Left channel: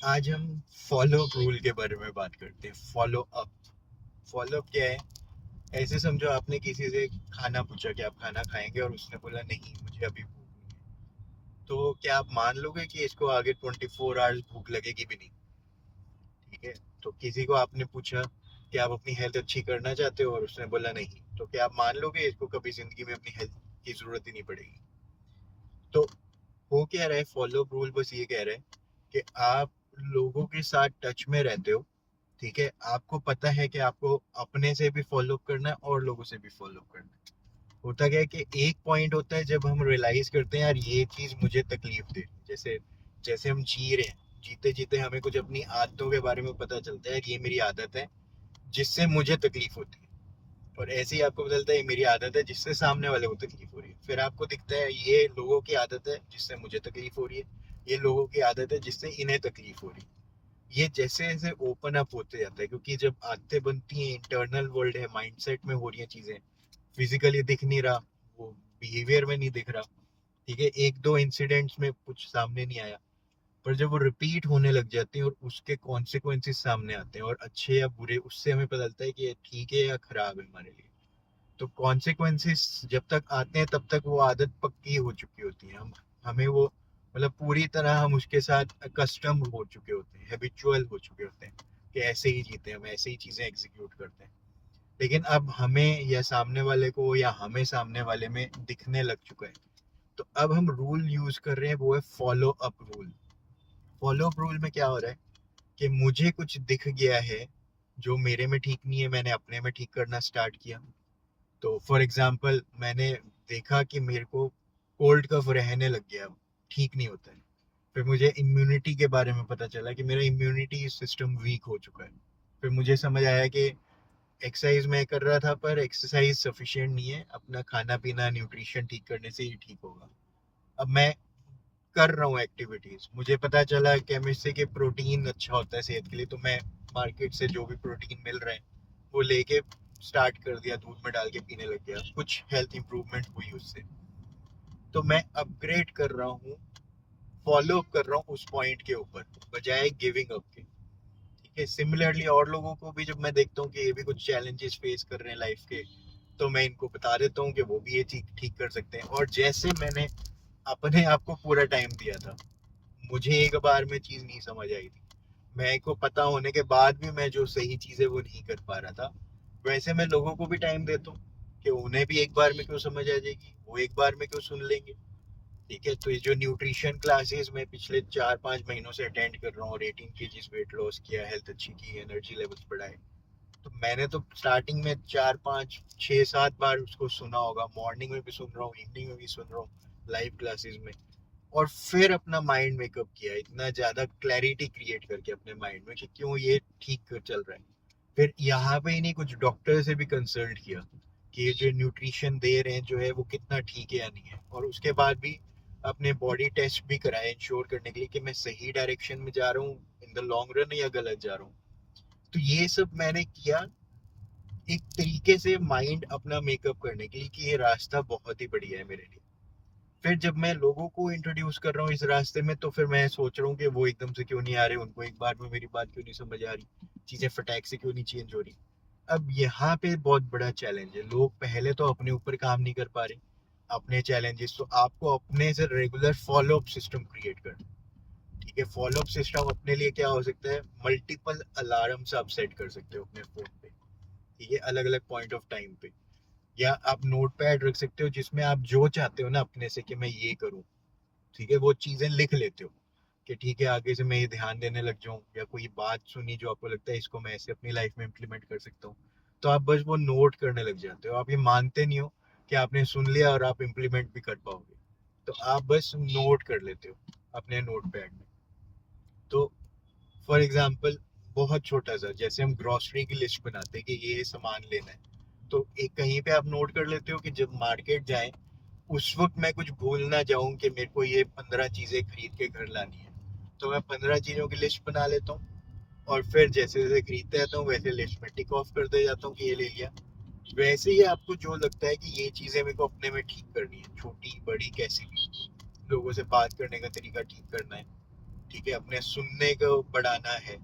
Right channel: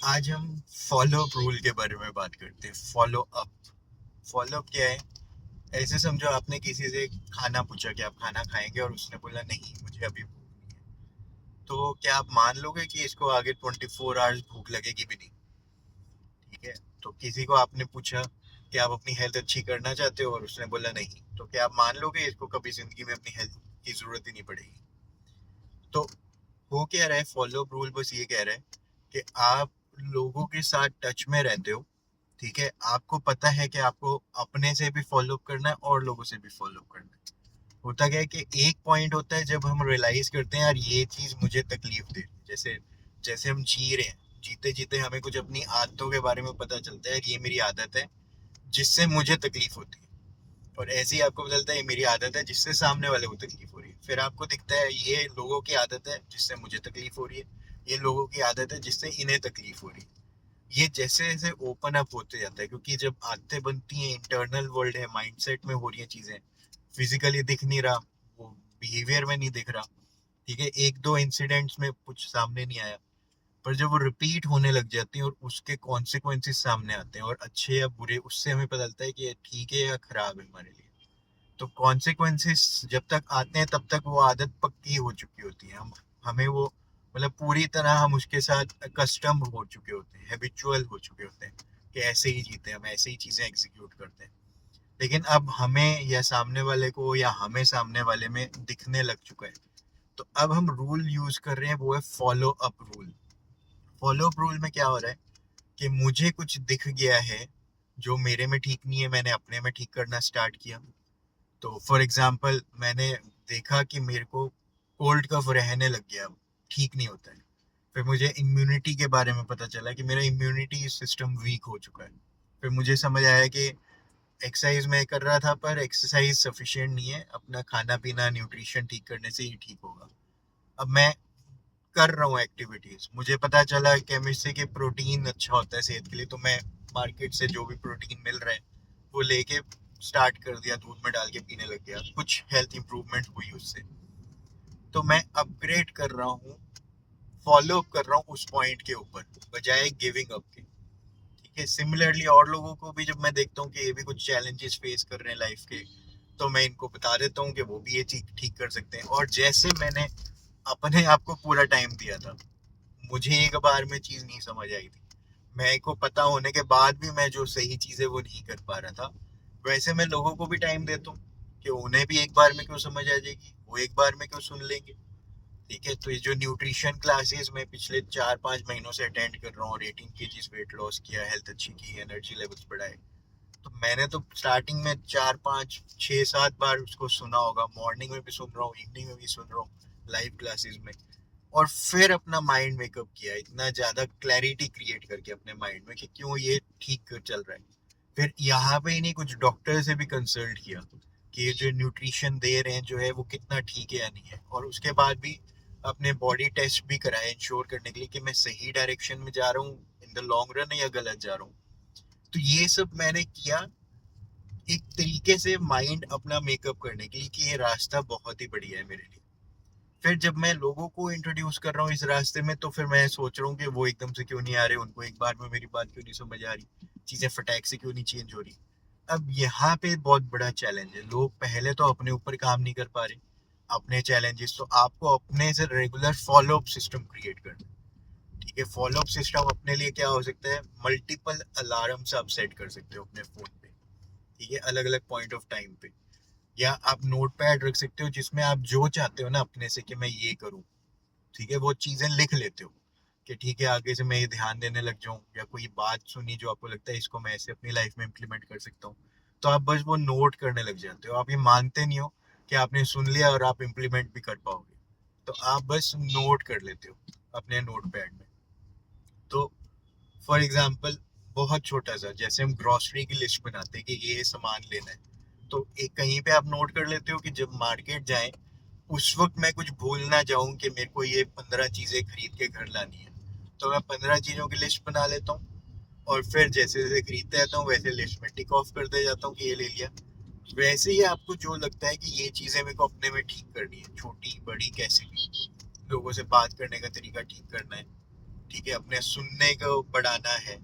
आज हम follow up rule के बारे में बात करते हैं। फॉलो अप क्या है? ऐसे समझो, आपने किसी से खाना पूछा कि आप खाना खाएंगे और उसने बोला नहीं, मुझे अभी भूख नहीं है। तो क्या आप मान लोगे कि इसको आगे 24 आवर्स भूख लगेगी भी नहीं? ठीक है। तो किसी को आपने पूछा कि आप अपनी हेल्थ अच्छी करना चाहते हो और उसने बोला नहीं, तो क्या आप मान लोगे इसको कभी जिंदगी में अपनी हेल्थ की जरूरत ही नहीं पड़ेगी? तो हो क्या रहा है, फॉलो अप रूल बस ये कह रहा है कि आप लोगों के साथ टच में रहते हो। ठीक है, आपको पता है कि आपको अपने से भी फॉलो अप करना है और लोगों से भी फॉलो अप करना है। होता क्या है कि एक पॉइंट होता है जब हम रियलाइज करते हैं यार ये चीज मुझे तकलीफ दे रही है। जैसे जैसे हम जी रहे हैं, जीते जीते हमें कुछ अपनी आदतों के बारे में पता चलता है, यार ये मेरी आदत है जिससे मुझे तकलीफ होती है। और ऐसे ही आपको बदलता है ये मेरी आदत है जिससे सामने वाले को तकलीफ हो रही है। फिर आपको दिखता है ये लोगों की आदत है जिससे मुझे तकलीफ हो रही है, ये लोगों की आदत है जिससे इन्हें तकलीफ हो रही है। ये जैसे जैसे ओपन अप होते जाता है, क्योंकि जब आदतें बनती हैं, इंटरनल वर्ल्ड है, माइंडसेट में हो रही है चीजें, फिजिकली दिख नहीं रहा, वो बिहेवियर में नहीं दिख रहा। ठीक है, एक दो इंसिडेंट्स में कुछ सामने नहीं आया, पर जब वो रिपीट होने लग जाती हैं और उसके कॉन्सिक्वेंसेस सामने आते हैं, और अच्छे या बुरे, उससे हमें पता चलता है कि ये ठीक है या खराब है हमारे लिए। तो कॉन्सिक्वेंसेस जब तक आते हैं तब तक वो आदत पक्की हो चुकी होती है। हम हमें वो मतलब पूरी तरह हम उसके साथ कस्टम हो चुके होते हैं, हैबिचुअल हो चुके होते हैं कि ऐसे ही जीते हैं हम, ऐसे ही चीजें एग्जीक्यूट करते हैं। लेकिन अब हमें या सामने वाले को या हमें सामने वाले में दिखने लग चुका है, तो अब हम रूल यूज कर रहे हैं, वो है follow up rule. Follow up rule में क्या हो रहा है कि मुझे कुछ दिख गया है जो मेरे में ठीक नहीं है, मैंने अपने में ठीक करना स्टार्ट किया। तो फॉर एग्जाम्पल, मैंने देखा कि मेरे को कोल्ड कफ रहने लग गया, ठीक नहीं होता है। फिर मुझे इम्यूनिटी के बारे में पता चला कि मेरा इम्यूनिटी सिस्टम वीक हो चुका है। फिर मुझे समझ आया कि एक्सरसाइज मैं कर रहा था पर एक्सरसाइज सफिशिएंट नहीं है, अपना खाना पीना न्यूट्रिशन ठीक करने से ही ठीक होगा। अब मैं कर रहा हूँ एक्टिविटीज, मुझे पता चला केमिस्ट्री के प्रोटीन अच्छा होता है सेहत के लिए, तो मैं मार्केट से जो भी प्रोटीन मिल रहे हैं वो लेके स्टार्ट कर दिया, दूध में डाल के पीने लग गया, कुछ हेल्थ इंप्रूवमेंट हुई उससे। तो मैं अपग्रेड कर रहा हूँ, फॉलो अप कर रहा हूँ उस पॉइंट के ऊपर, बजाय गिविंग अप के। ठीक है, सिमिलरली और लोगों को भी जब मैं देखता हूँ कि ये भी कुछ चैलेंजेस फेस कर रहे हैं लाइफ के, तो मैं इनको बता देता हूँ कि वो भी ये चीज ठीक कर सकते हैं। और जैसे मैंने अपने आप को पूरा टाइम दिया था, मुझे एक बार में चीज नहीं समझ आई थी, मेरे को पता होने के बाद भी मैं जो सही चीज है वो नहीं कर पा रहा था, वैसे मैं लोगों को भी टाइम देता हूँ कि उन्हें भी एक बार में क्यों समझ आ जाएगी, वो एक बार में क्यों सुन लेंगे। ठीक है, तो ये जो न्यूट्रिशन क्लासेस मैं पिछले 4-5 महीनों से अटेंड कर रहा हूँ और 18 kg वेट लॉस किया, हेल्थ अच्छी की, एनर्जी लेवल्स बढ़ाए, तो मैंने तो स्टार्टिंग में 4-5-6-7 बार उसको सुना होगा, मॉर्निंग में भी सुन रहा हूँ, इवनिंग में भी सुन रहा हूँ, लाइव क्लासेस में। और फिर अपना माइंड मेकअप किया, इतना ज्यादा क्लैरिटी क्रिएट करके अपने माइंड में कि क्यों ये ठीक चल रहा है। फिर यहाँ पे ही नहीं, कुछ डॉक्टर से भी कंसल्ट किया कि ये जो न्यूट्रिशन दे रहे हैं जो है वो कितना ठीक है या नहीं है, और उसके बाद भी अपने बॉडी टेस्ट भी कराए इंश्योर करने के लिए कि मैं सही डायरेक्शन में जा रहा हूँ इन द लॉन्ग रन, या गलत जा रहा हूँ। तो ये सब मैंने किया एक तरीके से माइंड अपना मेकअप करने के लिए कि ये रास्ता बहुत ही बढ़िया है मेरे लिए। फिर जब मैं लोगों को इंट्रोड्यूस कर रहा हूँ इस रास्ते में, तो फिर मैं सोच रहा हूँ कि वो एकदम से क्यों नहीं आ रहे, उनको एक बार में मेरी बात क्यों नहीं समझ आ रही, चीजें फटाक से क्यों नहीं चेंज हो रही। अब यहाँ पे बहुत बड़ा चैलेंज है, लोग पहले तो अपने ऊपर काम नहीं कर पा रहे, अपने चैलेंजेस, तो आपको अपने से regular follow up system create करना। ठीक है, फॉलो अप सिस्टम अपने लिए क्या हो सकता है, मल्टीपल अलार्म्स आप सेट कर सकते हो अपने फोन पे। ठीक है, अलग अलग पॉइंट ऑफ टाइम पे, या आप नोट पैड रख सकते हो जिसमें आप जो चाहते हो ना अपने से कि मैं ये करूँ, ठीक है, वो चीजें लिख लेते हो कि ठीक है आगे से मैं ये ध्यान देने लग जाऊं, या कोई बात सुनी जो आपको लगता है इसको मैं ऐसे अपनी लाइफ में इम्प्लीमेंट कर सकता हूँ, तो आप बस वो नोट करने लग जाते हो। आप ये मानते नहीं हो कि आपने सुन लिया और आप इम्प्लीमेंट भी कर पाओगे, तो आप बस नोट कर लेते हो अपने नोट पैड में। तो फॉर एग्जाम्पल, बहुत छोटा सा, जैसे हम ग्रोसरी की लिस्ट बनाते हैं कि ये सामान लेना है, तो एक कहीं पे आप नोट कर लेते हो कि जब मार्केट जाएं उस वक्त मैं कुछ भूल ना जाऊं कि मेरे को ये 15 चीजें खरीद के घर लानी है। तो मैं 15 चीजों की लिस्ट बना लेता हूँ, और फिर जैसे जैसे खरीदते रहता हूँ वैसे लिस्ट में टिक ऑफ करते जाता हूँ कि ये ले लिया। वैसे ही आपको जो लगता है कि ये चीजें मेरे को अपने में ठीक करनी है, छोटी बड़ी कैसी भी, लोगों से बात करने का तरीका ठीक करना है, ठीक है, अपने सुनने को बढ़ाना है,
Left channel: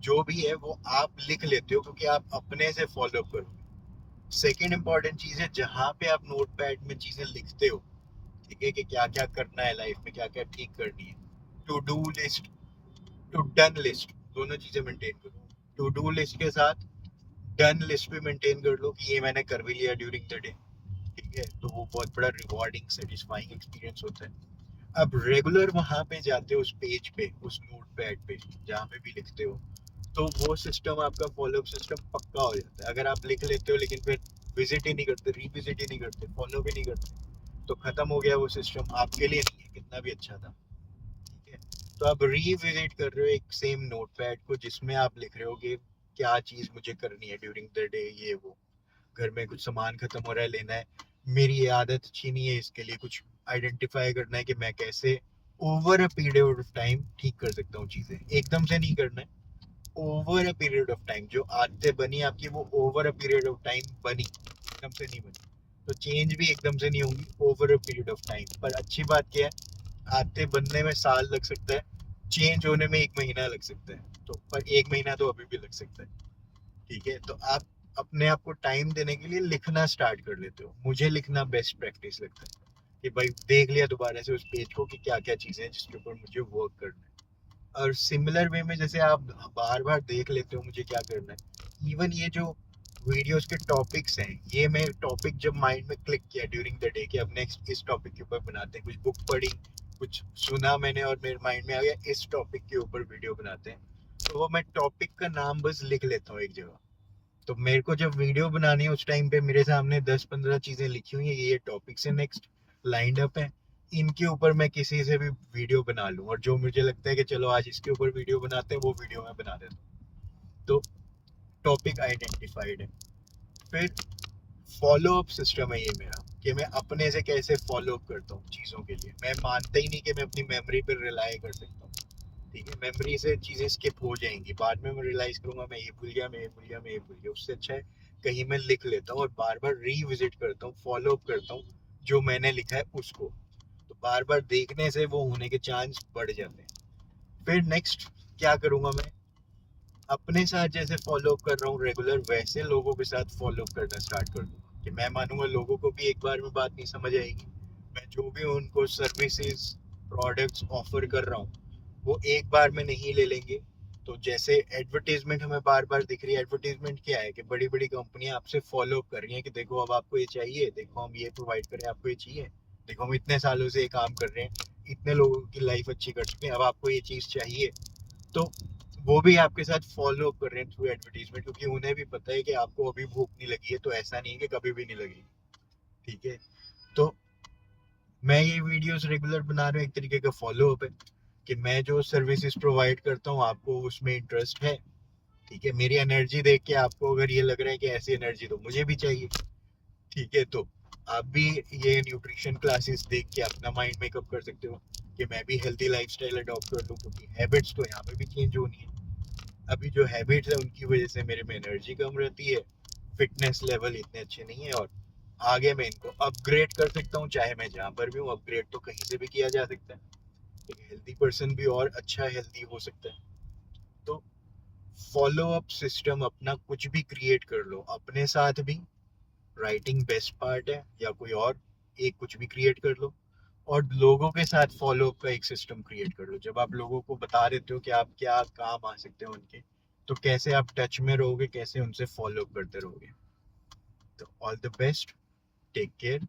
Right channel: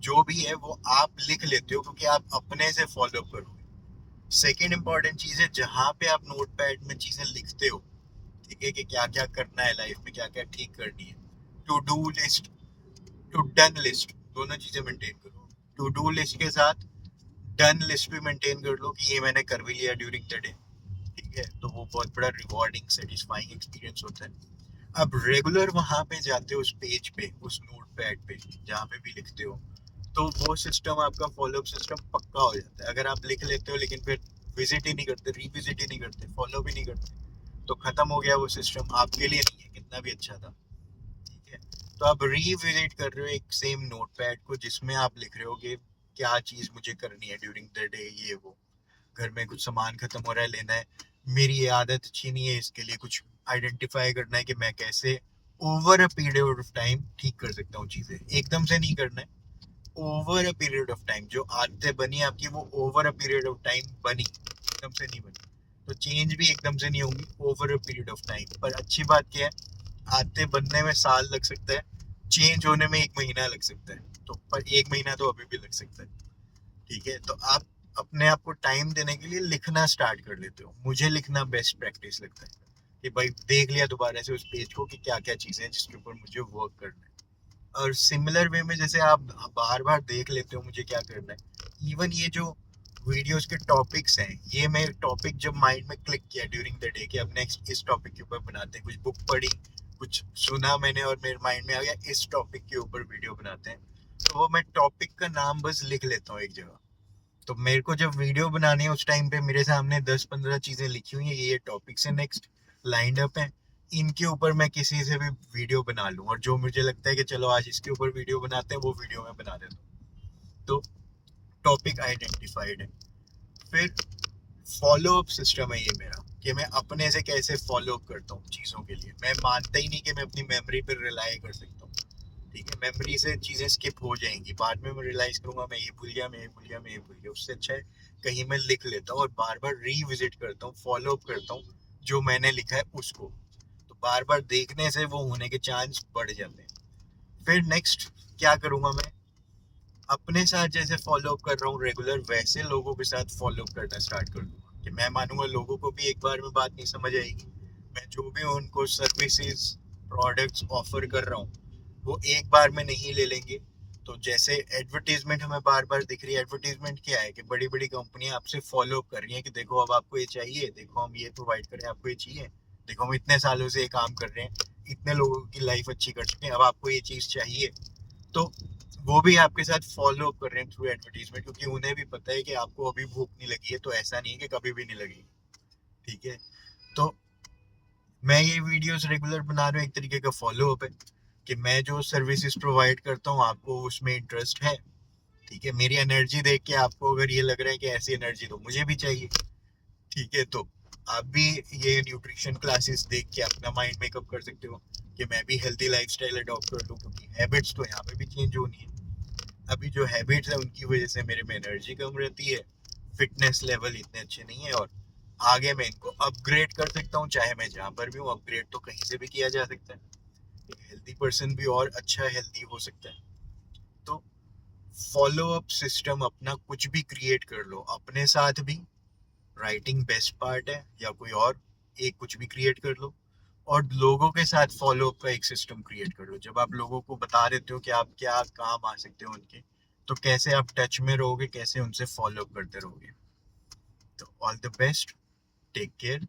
जो भी है वो आप लिख लेते हो क्योंकि आप अपने से फॉलो करोगे। सेकेंड इंपॉर्टेंट चीज है, जहां पे आप नोट पैड में चीजें लिखते हो, ठीक है, कि क्या क्या करना है लाइफ में, क्या क्या ठीक करनी है, to do list, to done list, दोनों चीजें मेंटेन करो। टू डू लिस्ट के साथ डन लिस्ट भी मेंटेन कर लो कि ये मैंने कर भी लिया ड्यूरिंग द डे, ठीक है, तो वो बहुत बड़ा रिवॉर्डिंग सेटिस्फाइंग एक्सपीरियंस होता है। अब रेगुलर वहां पे जाते हो उस पेज पे, उस नोट पैड पे जहाँ पे भी लिखते हो, तो वो सिस्टम आपका फॉलोअप सिस्टम पक्का हो जाता है। अगर आप लिख लेते हो लेकिन फिर विजिट ही नहीं करते, रिविजिट ही नहीं करते, फॉलो भी नहीं करते, तो खत्म हो गया वो सिस्टम, आपके लिए नहीं है, कितना भी अच्छा था, ठीक है। तो आप रिविजिट कर रहे हो एक सेम नोट पैड को जिसमें आप लिख रहे हो कि क्या चीज मुझे करनी है ड्यूरिंग द डे, ये वो, घर में कुछ सामान खत्म हो रहा है, लेना है, मेरी ये आदत अच्छी नहीं है, इसके लिए कुछ आइडेंटिफाई करना है कि मैं कैसे over a period of time ठीक कर सकता हूँ चीजें, एकदम से नहीं करना है, over a period of time. जो आदतें बनी आपकी वो over a period of time बनी, एकदम से नहीं बनी, तो चेंज भी एकदम से नहीं होंगी, over a period of time. पर अच्छी बात क्या है, आदतें बनने में साल लग सकता है, चेंज होने में 1 महीना लग सकता है, तो पर 1 महीना तो अभी भी लग सकता है, ठीक है। तो आप अपने आप को टाइम देने के लिए लिखना स्टार्ट कर लेते हो। मुझे लिखना बेस्ट प्रैक्टिस लगता है कि भाई देख लिया दोबारा से उस पेज को कि क्या क्या चीजें हैं जिसके ऊपर मुझे वर्क करना है। और सिमिलर वे में जैसे आप बार बार देख लेते हो मुझे क्या करना है, इवन ये जो वीडियोस के टॉपिक्स हैं, ये मैं टॉपिक जब माइंड में क्लिक किया ड्यूरिंग द डे कि अब नेक्स्ट इस टॉपिक के ऊपर बनाते हैं, कुछ बुक पढ़ी, कुछ सुना मैंने और मेरे माइंड में आ गया इस टॉपिक के ऊपर वीडियो बनाते हैं, तो वो मैं टॉपिक का नाम बस लिख लेता हूँ एक जगह। तो मेरे को जब वीडियो बनानी है उस टाइम पे मेरे सामने 10-15 चीजें लिखी हुई हैं, ये टॉपिक्स है नेक्स्ट लाइंड अप है, इनके ऊपर मैं किसी से भी वीडियो बना लूं, और जो मुझे लगता है कि चलो आज इसके ऊपर वीडियो बनाते हैं वो वीडियो मैं बना देता हूँ। तो टॉपिक आइडेंटिफाइड है। फिर फॉलो अप सिस्टम है ये मेरा, कि मैं अपने से कैसे फॉलो अप करता हूँ चीज़ों के लिए। मैं मानता ही नहीं कि मैं अपनी मेमोरी पर रिलाई कर सकता हूँ, ठीक है, मेमोरी से चीज़ें स्किप हो जाएंगी, बाद में मैं रियलाइज करूंगा मैं ये भूल गया, मैं ये भूल गया, मैं ये भूल गया। उससे अच्छा है कहीं मैं लिख लेता हूँ और बार बार रीविजिट करता हूँ, फॉलो अप करता हूँ जो मैंने लिखा है उसको, तो बार बार देखने से वो होने के चांस बढ़ जाते हैं। फिर नेक्स्ट क्या करूंगा मैं, अपने साथ जैसे फॉलो अप कर रहा हूँ रेगुलर, वैसे लोगों के साथ फॉलो अप करना स्टार्ट कर दूंगा, कि मैं मानूंगा लोगों को भी एक बार में बात नहीं समझ आएगी, मैं जो भी उनको सर्विसेज प्रोडक्ट्स ऑफर कर रहा हूँ वो एक बार में नहीं ले लेंगे। तो जैसे एडवर्टीजमेंट हमें बार बार दिख रही है, एडवर्टीजमेंट क्या है कि बड़ी बड़ी कंपनियां आपसे फॉलो अप कर रही हैं कि देखो अब आपको ये चाहिए, देखो हम ये प्रोवाइड करें, आपको ये चाहिए, देखो हम इतने सालों से ये काम कर रहे हैं, इतने लोगों की लाइफ अच्छी कर चुके हैं, अब आपको ये चीज़ चाहिए। तो वो भी आपके साथ फॉलो अप कर रहे हैं थ्रू एडवर्टीजमेंट, क्योंकि उन्हें भी पता है कि आपको अभी भूख नहीं लगी है, तो ऐसा नहीं है कि कभी भी नहीं लगेगी, ठीक है। तो मैं ये वीडियोस रेगुलर बना रहा हूँ, एक तरीके का फॉलो अप है कि मैं जो सर्विसेज प्रोवाइड करता हूँ आपको उसमें इंटरेस्ट है, ठीक है, मेरी एनर्जी देख के आपको अगर ये लग रहा है कि ऐसी एनर्जी तो मुझे भी चाहिए, ठीक है, तो आप भी ये न्यूट्रिशन क्लासेस देख के अपना माइंड मेकअप कर सकते हो कि मैं भी हेल्दी लाइफस्टाइल अडॉप्ट कर लूँ, क्योंकि हैबिट्स तो यहाँ पे भी चेंज होनी है। अभी जो हैबिट्स है उनकी वजह से मेरे में एनर्जी कम रहती है, फिटनेस लेवल इतने अच्छे नहीं है, और आगे मैं इनको अपग्रेड कर सकता हूँ, चाहे मैं जहाँ पर भी हूँ, अपग्रेड तो कहीं से भी किया जा सकता है, एक हेल्दी पर्सन भी और अच्छा हेल्दी हो सकता है। तो फॉलो अप सिस्टम अपना कुछ भी क्रिएट कर लो अपने साथ भी, राइटिंग बेस्ट पार्ट है, या कोई और एक कुछ भी क्रिएट कर लो, और लोगों के साथ फॉलो अप का एक सिस्टम क्रिएट कर लो। जब आप लोगों को बता देते हो कि आप क्या काम आ सकते हो उनके, तो कैसे आप टच में रहोगे, कैसे उनसे फॉलो अप करते रहोगे। तो all the best, take care.